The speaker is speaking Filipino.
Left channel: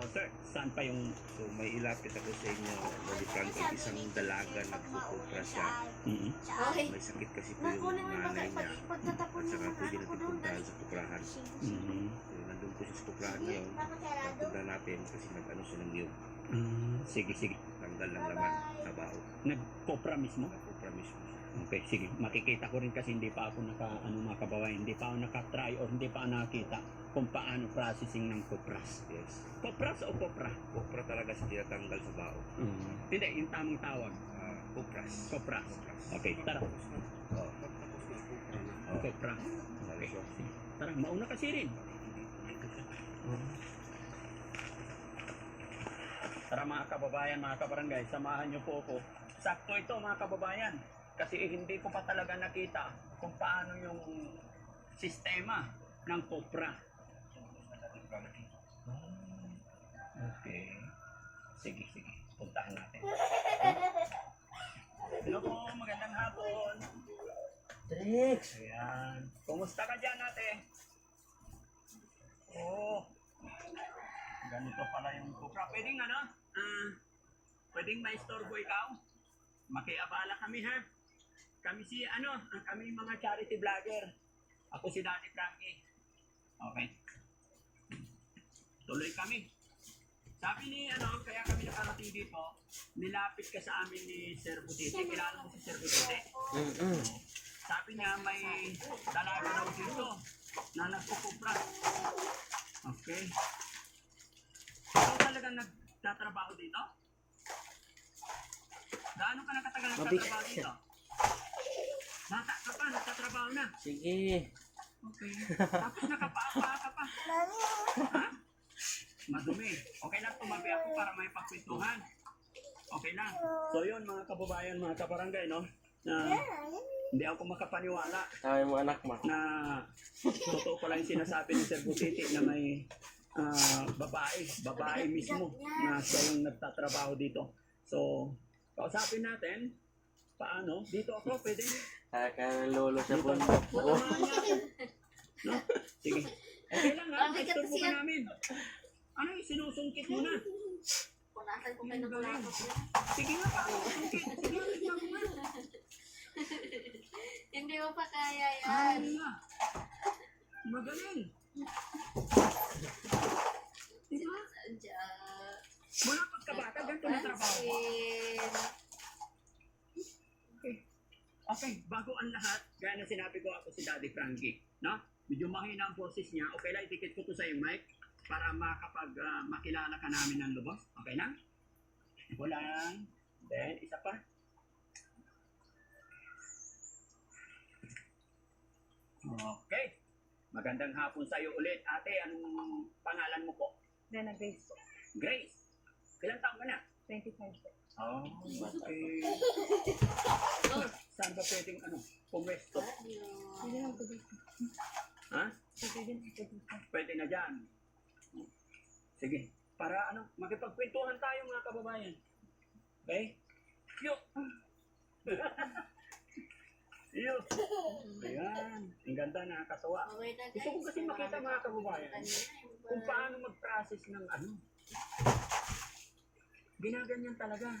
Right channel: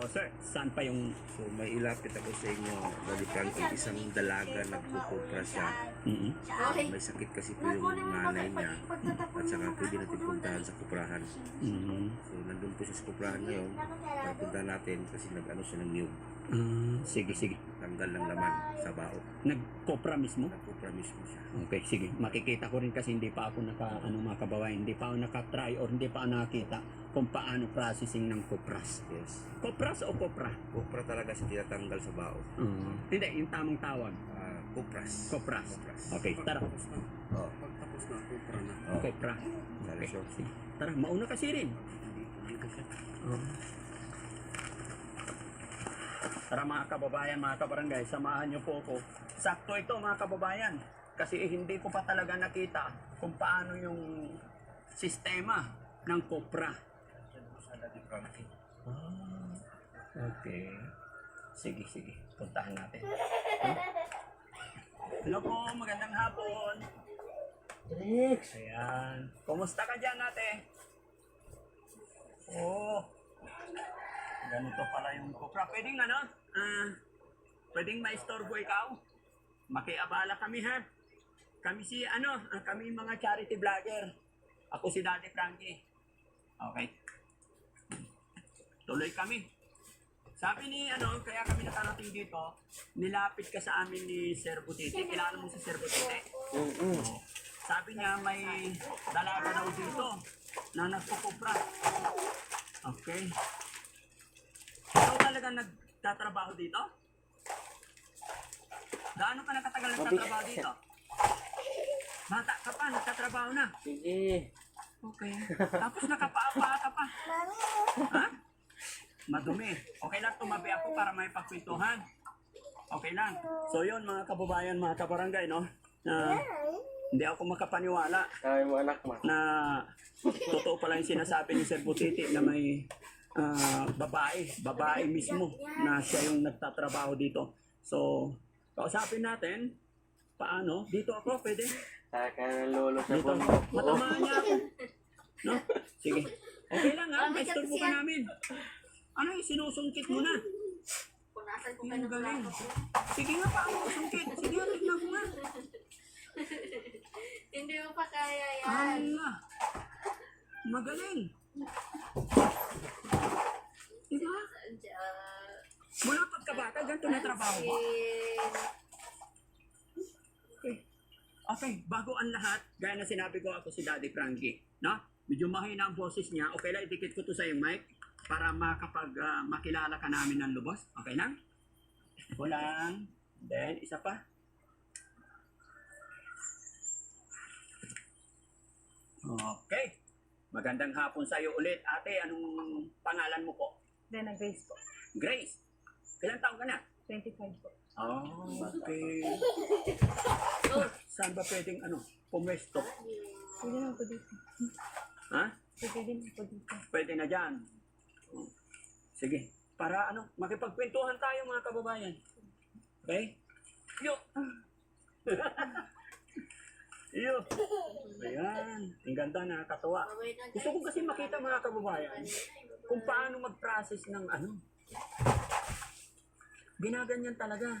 So sir, saan pa yung... So may ilapit ako sa inyo, balikan ay isang dalaga nagpupupra siya. Okay. May sakit kasi po yung nanay niya at saka pwede natin puntahan sa kuprahan. So nandun po siya sa kuprahan ngayon, punta natin kasi nag-ano siya ng niyog. Sige, sige. Tanggal ng laman sa bao. Nagkopra mismo? Nagpupra mismo siya. Okay, sige. Makikita ko rin kasi hindi pa ako mga kababayan, hindi pa ako nakatry or hindi pa ako nakakita kung paano processing ng kopras. Yes. Kopras o kopra? Kupra talaga siya tinatanggal sa bao. Hindi, yung tamang tawag. Kupras. Kopras. Okay, tara. Pagtapos na, kupra na. Okay, pra. Okay, sige. Tara, mauna kasi rin. Dito siya. Tara mga kababayan, mga kabarangay, samahan niyo po ako. Sakto ito mga kababayan. Kasi hindi ko pa talaga nakita kung paano yung sistema ng kopra. Okay. Sige, sige. Puntahan natin. Hello po, magandang hapon. Trix! Ayan. Kumusta ka dyan ate? Oh. Ganito pala yung kopra. Pwedeng pwedeng maistorbo ikaw? Makiabala kami ha. Kami kami mga charity vlogger. Ako si Daddy Frankie. Okay. Tuloy kami. Sabi ni kaya kami nakarating dito, nilapit ka sa amin ni Sir Butite. Kilala mo si Sir Butite? Sabi niya may dalaga daw dito na nagkukupra. Okay. Ikaw talaga nagtatrabaho dito? Gaano ka nakatagal nagtatrabaho dito? Bata ka pa, nagtatrabaho na. Sige. Okay. Tapos nakapaapa ka pa. Ha? Madumi. Okay lang, tumabi ako para may pagkwentuhan. Okay lang. So yun mga kababayan, mga kabarangay, no? Hindi ako makapaniwala Sabi mo anak mo. na totoo pala yung sinasabi ni Sir Butiti na may babae mismo na siya yung nagtatrabaho dito. So, kausapin natin, paano? Dito ako, pwede? Kaya lolo siya Dito, po. matamaan niya ako. No? Sige. Okay lang ha, istorbo ka namin. Ano yung sinusungkit mo na? Punasan ko Yung kayo ng galing. laptop mo. Sige nga pa, sungkit. Sige, tignan mo nga. Hindi mo pa kaya yan. Hala. Magaling. Diba? Mula pagkabata, ganito na trabaho mo. Okay, bago ang lahat, gaya na sinabi ko, ako si Daddy Frankie, no? Medyo mahina ang boses niya. Okay lang, idikit ko to sa yung mic para makilala ka namin ng lubos. Okay na? Ito lang. Then, isa pa. Okay. Magandang hapon sa iyo ulit. Ate, anong pangalan mo po? Dena Grace po. Grace. Ilang taon ka na? 25 po. Oh, okay. Saan ba pwedeng pumwesto? Pwede na po dito. Ha? Pwede din po dito. Pwede na dyan. Sige. Para makipagkwentuhan tayo mga kababayan. Okay? Yo! Yo! Ayan. Ang ganda, nakakatawa. Gusto ko kasi makita mga kababayan kung paano mag-process ng Ginaganyan talaga.